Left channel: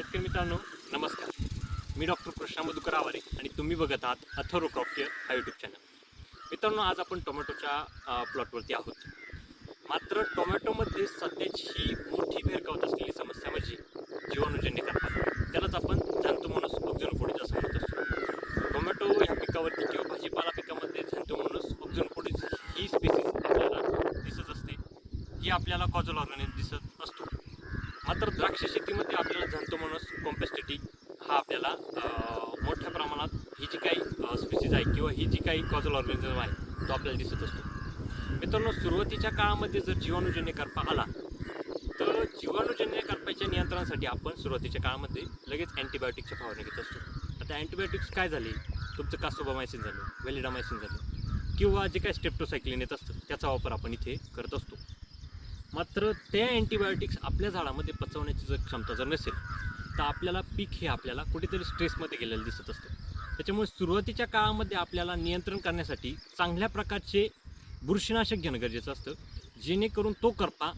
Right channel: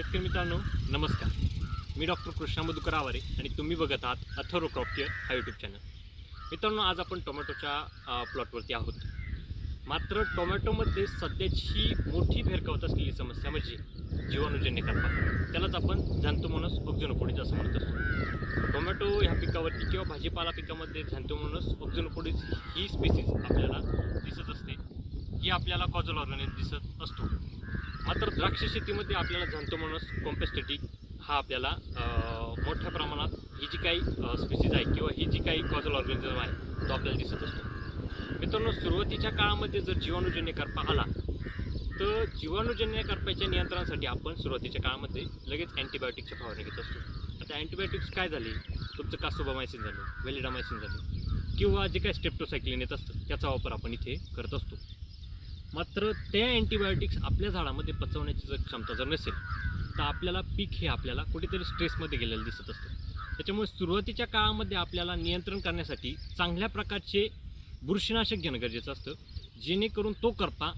शेतकरी मित्रांनो नमस्कार. मी डॉक्टर कृष्णा मधुकर आवारे आणि तुम्ही बघत आहात अथर्व क्रॉप केअर हा यूट्यूब चॅनल. मित्रांनो, आज आपण टोमॅटोच्या प्लॉटवरती आहोत. मात्र टोमॅटोमध्ये सध्याची मोठी भेरकावत असलेली समस्या म्हणजे जीवाणूजन्य करपा. त्यालाच आपण झॅन्थोमोनास ऑक्झिनोपोडीज असं म्हणत असतो. टोमॅटो ह्या पिकावरती किंवा भाजीपाला पिकामध्ये झॅन्थोमोनास ऑक्झिनोपोडीज ही स्पीसीज आपल्याला दिसत असते. ही आपल्याला कॉजल ऑर्गॅनिक दिसत असतो. मात्र द्राक्ष शेतीमध्ये आपल्याला झॅन्थोमोनास कॉम्पेस्टेटिक हा आपल्याला मोठ्या प्रमाणात ही जी काही स्पीसीज आहे किंवा ही जी काही कॉजल ऑर्गॅनिझम आहे तो आपल्याला दिसत असतो. मित्रांनो, सुरुवातीच्या काळामध्ये जर जीवाणूजन्य करपा आला तर जीवाणूजन्य करपाच्या नियंत्रणासाठी आपण सुरुवातीच्या काळामध्ये लगेच अँटीबायोटिकच्या फवारणी घेत असतो. आता अँटीबायोटिक्स काय झाली, तुमचं कासोबामायसिन झालं, व्हॅलिडामायसिन झालं किंवा जे काही स्ट्रेप्टोसायक्लिन येत असतं त्याचा वापर आपण इथे करत असतो. मात्र त्या अँटीबायोटिक्स आपल्या झाडामध्ये पचवण्याची जर क्षमता जर नसेल तर आपल्याला पीक हे आपल्याला कुठेतरी स्ट्रेसमध्ये गेलेलं दिसत असतं. त्याच्यामुळे सुरुवातीच्या काळामध्ये आपल्याला नियंत्रण करण्यासाठी चांगल्या प्रकारचे बुरशीनाशक घेणं गरजेचं असतं, जेणेकरून तो करपा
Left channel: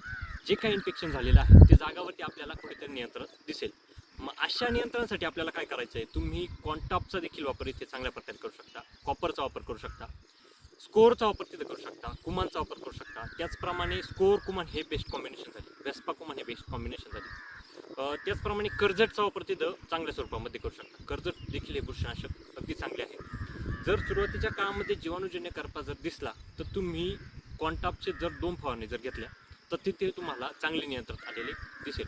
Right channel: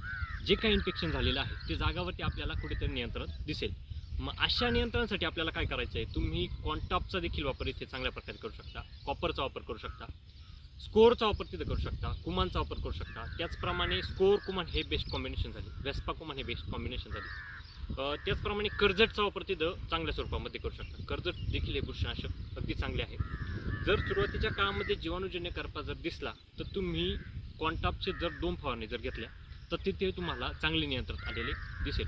जे काही इन्फेक्शन झालेलं आहे ते जागावरती आपल्याला कुठेतरी नियंत्रण दिसेल. मग अशा नियंत्रणासाठी आपल्याला काय करायचं आहे, तुम्ही कॉन्टॉपचा देखील वापर इथे चांगल्या प्रकारे करू शकता, कॉपरचा वापर करू शकता, स्कोअरचा वापर तिथं करू शकता, कुमानचा वापर करू शकता. त्याचप्रमाणे स्कोअर कुमान हे बेस्ट कॉम्बिनेशन झाली, वेस्पा कुमान हे बेस्ट कॉम्बिनेशन झाली. त्याचप्रमाणे कर्जतचा वापर तिथं चांगल्या स्वरूपामध्ये करू शकता. कर्जत देखील हे बुरशीनाशक अगदी चांगले आहे. जर सुरुवातीच्या काळामध्ये जीवाणूजन्य करपा जर दिसला तर तुम्ही कॉन्टॉपचे जर 2 फवारणी जर घेतल्या तर तिथे तुम्हाला चांगले नियंत्रण आलेले दिसेल.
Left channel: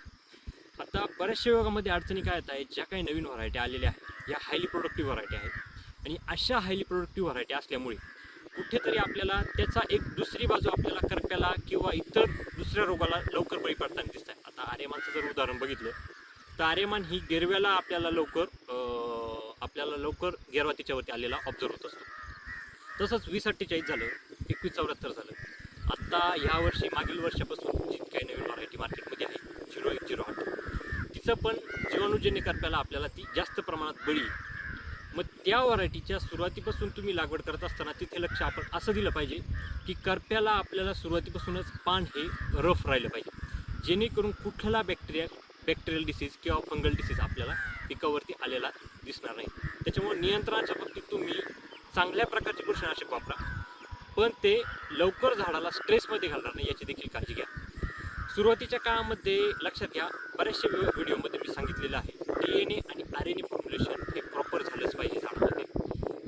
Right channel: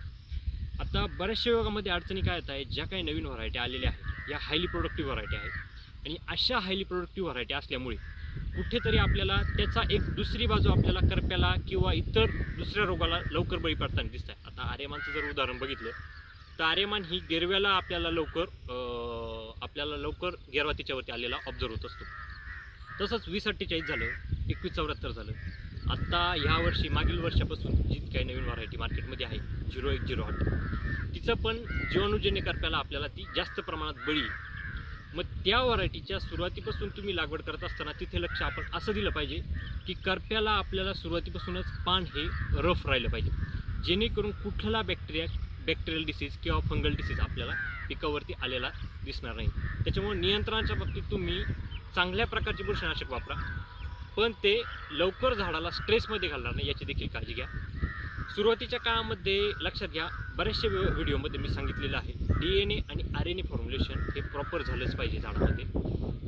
आता बऱ्याचशा विभागामध्ये अडचणी काय येत आहेत, ज्या काही नवीन व्हरायटी आलेल्या आहेत या हायली प्रोडक्टिव्ह व्हरायटी आहेत आणि अशा हायली प्रोडक्टिव्ह व्हरायटी असल्यामुळे कुठेतरी आपल्याला त्याचा एक दुसरी बाजू आपल्याला करप्याला किंवा इतर दुसऱ्या रोगाला लवकर बळी पडताना दिसत आहे. आता आर्यमानचं जर उदाहरण बघितलं तर आर्यमान ही गेरव्याला आपल्याला लवकर गेरवा तिच्यावरती आलेला ऑब्झर्व होत असतो. तसंच 2048 झालं, 2174 झालं. आत्ता ह्या वर्षी मागील वर्षापासून जी काही नवीन व्हरायटी मार्केटमध्ये आहे 0108 तिचं पण जीवाणूजन्य करप्याला आपल्याला ती जास्त प्रमाणात बळी. मग त्या व्हरायटीच्या सुरुवातीपासून तुम्ही लागवड करत असताना तिथे लक्ष आपण असं दिलं पाहिजे की करप्याला आपल्याला सुरुवातीपासूनच पान हे रफ राहिलं पाहिजे, जेणेकरून कुठला बॅक्टेरियल डिसीज किंवा फंगल डिसीज आपल्याला पिकावरती आलेला दिसणार नाही. त्याच्यामुळे नियंत्रणाच्या बाबतीत तुम्ही चांगल्या प्रकारचे बुरशीनाशक वापरा, पण ते लवकर झाडाला स्ट्रेसमध्ये घालणार नाही याची देखील काळजी घ्या. सुरुवातीच्या काळामध्ये लक्षात घ्या, बऱ्याचशा व्हिडिओमध्ये मी सांगितलेलं आहे DNA आणि RNA फॉर्म्युलेशन हे प्रॉपर झालंच पाहिजे झाडामध्ये.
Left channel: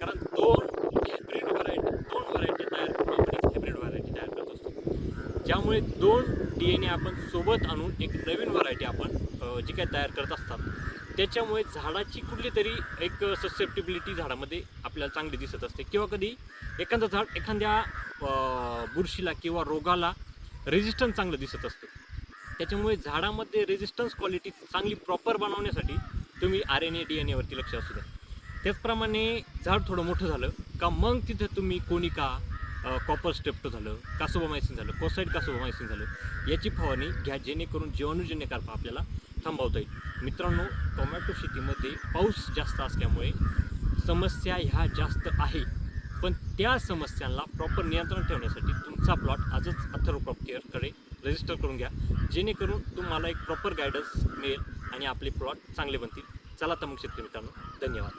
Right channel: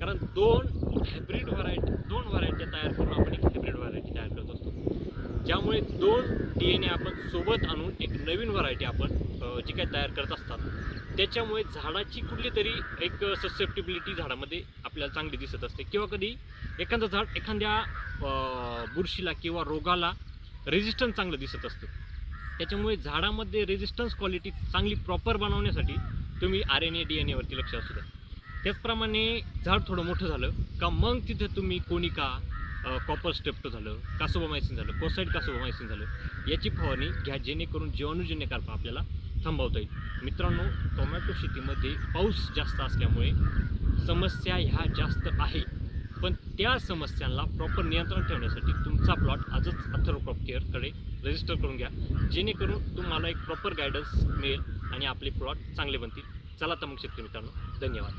कारण दोन व्हरायटी तयार करून आपण एक हायब्रिड व्हरायटी तयार करत असतो, ज्यामुळे 2 DNA आपण सोबत आणून एक नवीन व्हरायटी आपण जी काही तयार करत असतात त्याच्यामुळे झाडाची कुठली तरी एक ससेप्टिबिलिटी झाडामध्ये आपल्याला चांगली दिसत असते किंवा कधी एखादं झाड एखाद्या बुरशीला किंवा रोगाला रेजिस्टन्स चांगलं दिसत असतं. त्याच्यामुळे झाडामध्ये रेजिस्टन्स क्वालिटी चांगली प्रॉपर बनवण्यासाठी तुम्ही RNA DNA वरती लक्ष असू द्या. त्याचप्रमाणे झाड थोडं मोठं झालं का मग तिथे तुम्ही कोनिका, कॉपर स्ट्रेप्टो झालं, कासोबामायसिन झालं, कोसाईड कासोबामायसिन झालं याची फवारणी घ्या, जेणेकरून जीवाणूजन्य करपा आपल्याला थांबवता येईल. मित्रांनो, टोमॅटो शेतीमध्ये पाऊस जास्त असल्यामुळे समस्या ह्या जास्त आहे, पण त्या समस्यांना प्रॉपर नियंत्रण ठेवण्यासाठी तुमचा प्लॉट आजच अथर्व क्रॉप केअरकडे रजिस्टर करून घ्या, जेणेकरून तुम्हाला एक प्रॉपर गायडन्स मिळेल आणि आपले प्लॉट चांगले बनतील. चला तर मग शेतकरी मित्रांनो, धन्यवाद.